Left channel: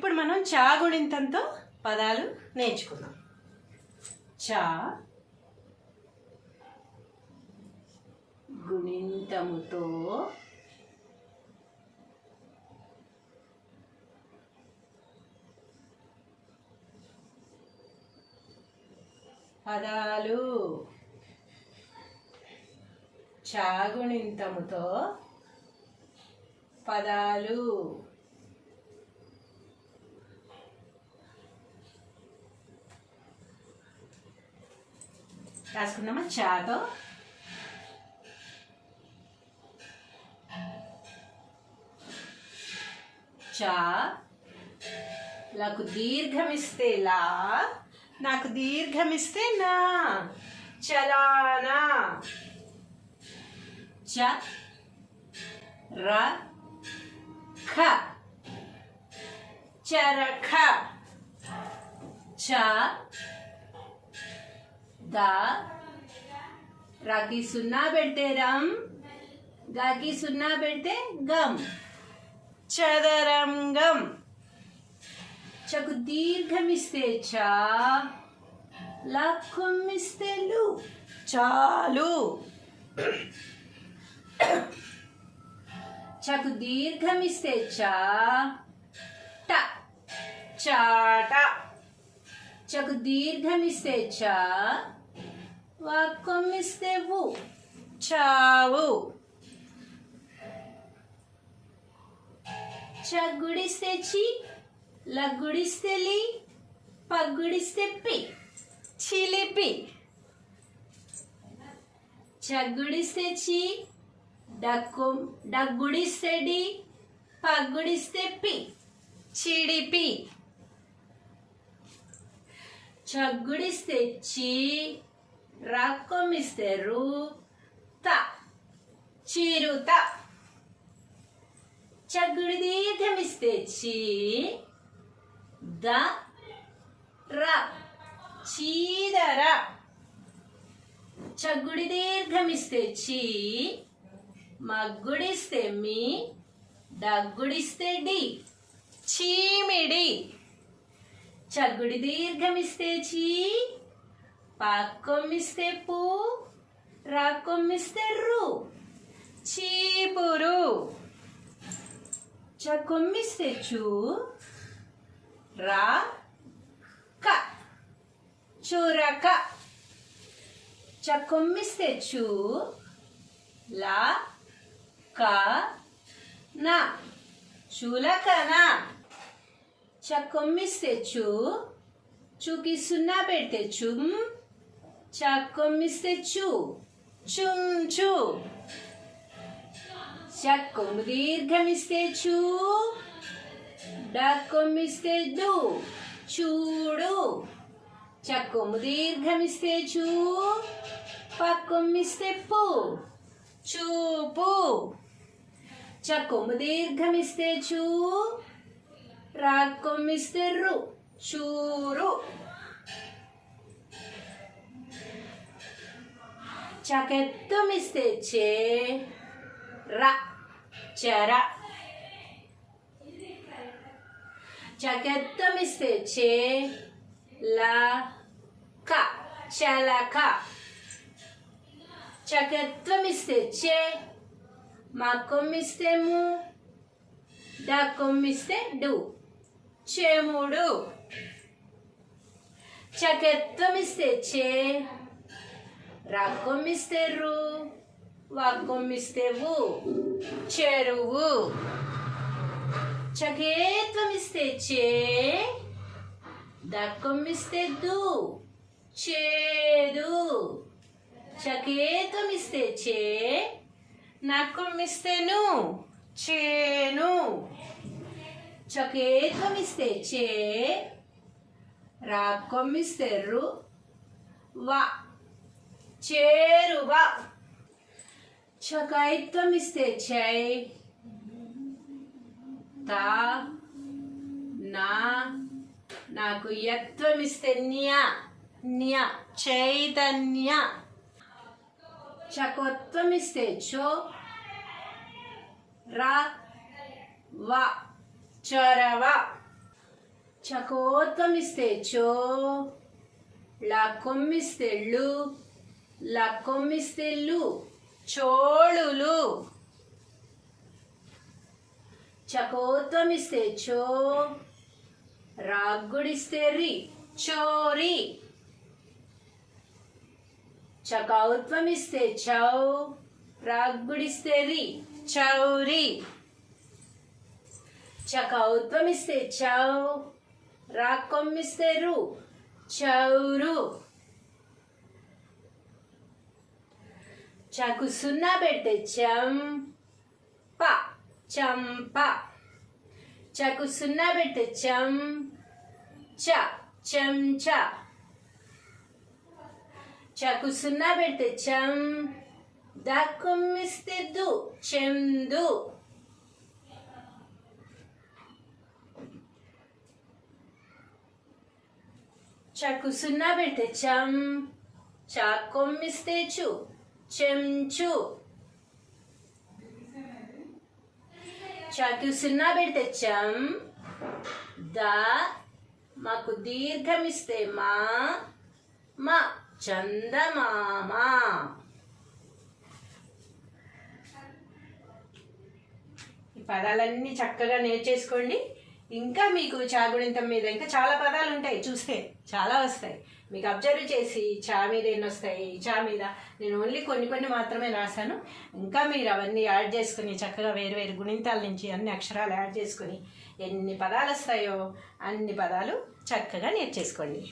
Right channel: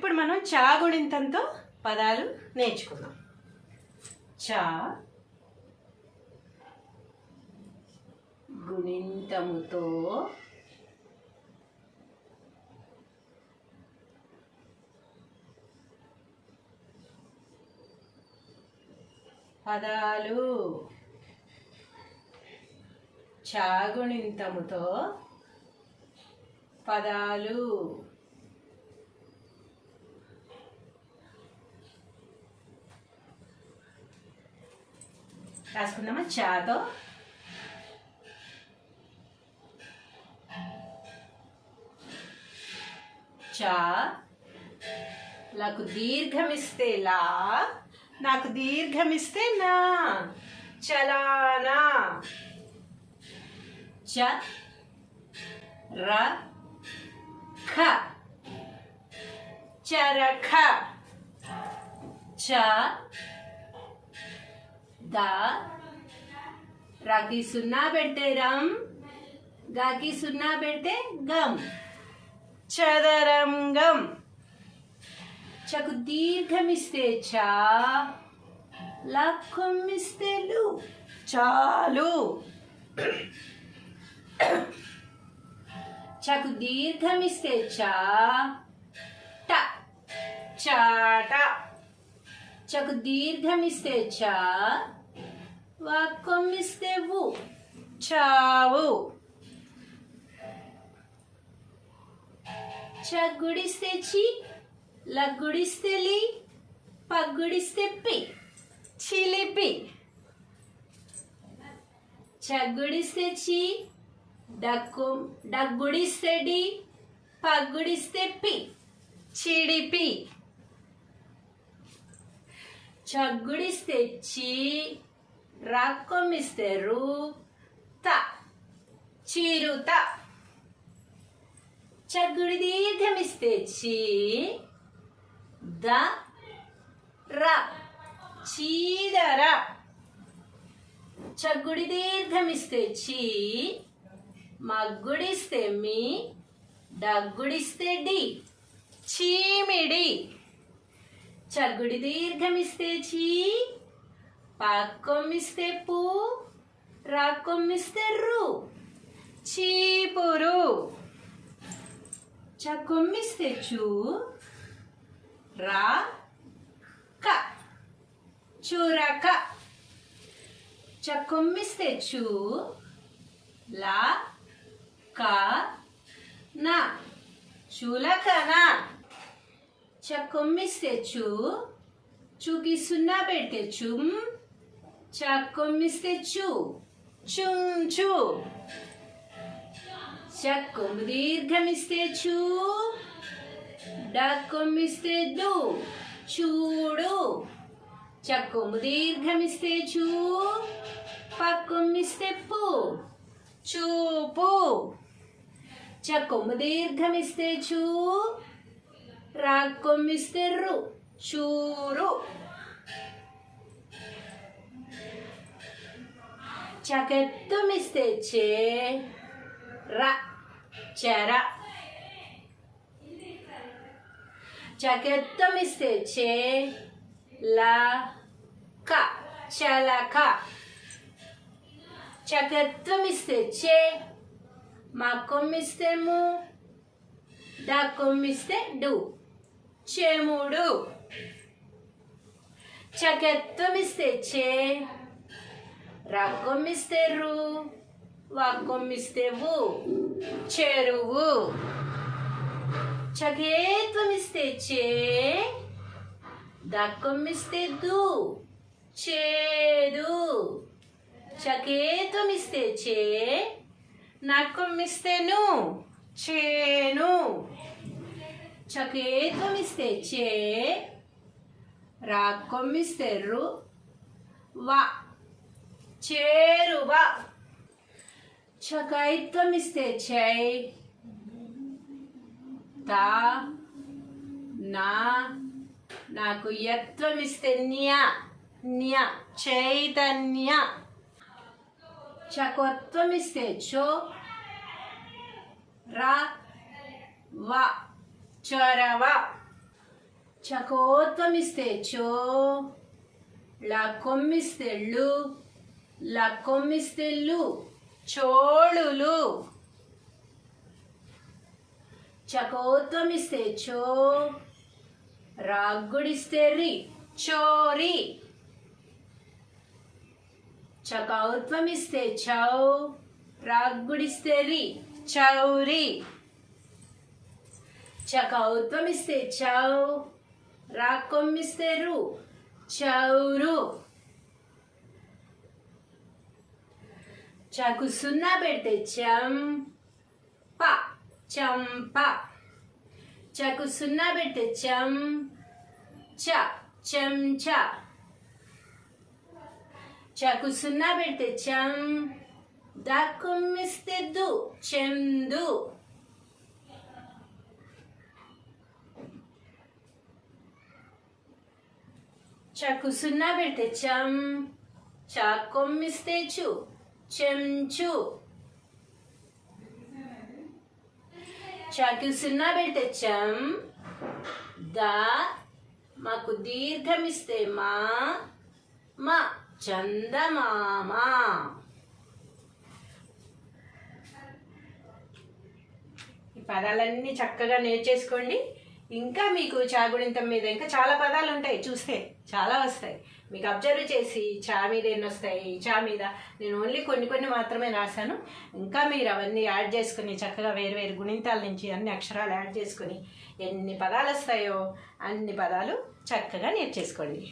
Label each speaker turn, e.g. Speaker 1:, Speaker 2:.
Speaker 1: ఇప్పుడు మనం చాగుణింతంతో పదాలు నేర్చుకుందాం. చా గుణింతముతో పదాలు చాగుణింతముతో పదాలు రాసుకుందామా చాతో చా నాకు దీర్ఘమిస్తే లా నాకు దీర్ఘమిస్తే నా చలానా చ ర ఖ చరఖ చ ద రాకి సున్నా పెడితే రమ్ గాకి సున్నా పెడితే గమ్. చదరం గమ్ చకు దీర్ఘమిస్తే చా లక్కుమిస్తే లు. చాలు. చకు దీర్ఘమిస్తే చా ట చాట. చకు దీర్ఘమిస్తే చా వాక్కొమ్మిస్తే వు చావు చగ్గుడిస్తే చి లగ్గుడిస్తే లి పగ్గుడిస్తే పి చిలిపి చగ్గుడిస్తే చి డక్కు డగ్గుడిస్తే డి పగ్గుడిస్తే పి చిడిపి చగ్గుడిస్తే చి రాక్కొమ్మిస్తే రు త చిరుత. చగ్గుడి దీర్ఘమిస్తే చి. ద. ర. చీదర. చగ్గుడి దీర్ఘమిస్తే చి. మగ్గుడిస్తే మీ డగ్గుడిస్తే డి. చీమిడి. చగ్గుడి దీర్ఘమిస్తే చీ. పాక్కొమ్మిస్తే పూ రాక్కొమ్మిస్తే రు. చీపురు. చకొమ్మిస్తే చూ రా క. చూరక. చకొమ్మిస్తే చూ లా క నా. చూలకనా. చకొమ్మిస్తే చూ చూకి సున్నా పెట్టే చుమ్. చకొమ్మిస్తే చూ చుమ్ చూ చక్కొమ్ము దీర్ఘమిస్తే చూ డక్కొమ్మిస్తే డు చూడు చక్కొమ్ము దీర్ఘమిస్తే చూ పక్కొమ్మిస్తే పు చూపు చక్కొమ్ము దీర్ఘమిస్తే చూ రాక్కొమ్మిస్తే రు చూరు చకెత్తుమిస్తే చే ర చర చకెత్తమిస్తే చే ల క చలక చకెత్వమిస్తే చే మా కొమ్మిస్తే ము డా కొమ్మిస్తే డు చెముడు చకెత్వమిస్తే చే రా కొమ్మిస్తే రు వాక్కొమ్మిస్తే వు చెరువు. చకేత్వమిస్తే చే దక్కొమ్మిస్తే దు చేదు. చకేత్వమిస్తే చే నక్కొమ్మిస్తేను చేను. చకేత్వమిస్తే చే రాక్కొమ్మిస్తే రు వా చేరువ. చకైత్వం ఇస్తే చై తా నా నాకు యత్వం ఇస్తే న్య. న్య చైతన్య. చకోత్వం ఇస్తే చో రా వ చొరవ. చకోత్వం ఇస్తే చో లా కొమ్మిస్తే లు చోళులు. చకోత్వమిస్తే చో రాగ్గుడిస్తే రి చోరి. చకౌత్వమిస్తే చౌ రాగ్గుడిస్తే రి చౌరి. చకౌత్వమిస్తే చౌ రాక్కొమ్మిస్తే రు చౌరు. చకు సున్నా పెడితే చంప చంప చకు సున్నా పెడితే చం చ చెంచ చకు సున్నా పెడితే చం దక్కుమ్మిస్తే దు చెందు చకు సున్నా పెడితే చం చాకొమ్మిస్తే చు చెంచు. చాకి సున్నా పెడితే చం. ద మాకు దీర్ఘం ఇస్తే మా. మా చందమామ. ఈ పదాలన్నీ చక్కగా నేర్చేసుకోండి. ఇంకా మీకు చాగుడింతం మీద ఇంకా చాలా పదాలు ఉంటాయి చూస్తే. చాలా వస్తాయి. మీకు అబ్జర్వ్ చేసి చా మీద ఎన్ని వస్తాయి చా మీద నేను ఓన్లీ కొన్ని కొన్ని మాత్రమే రాశాను. ఇంకా మీరు అవన్నీ యాడ్ చేసుకుని చక్కగా వేరు వేరు గుణింతాల నుంచి అన్ని అక్షరాలు యాడ్ చేసుకుని ఎన్ని పదాలు వస్తాయో అన్ని పదాలు చక్కగా నేర్చేసుకోండి.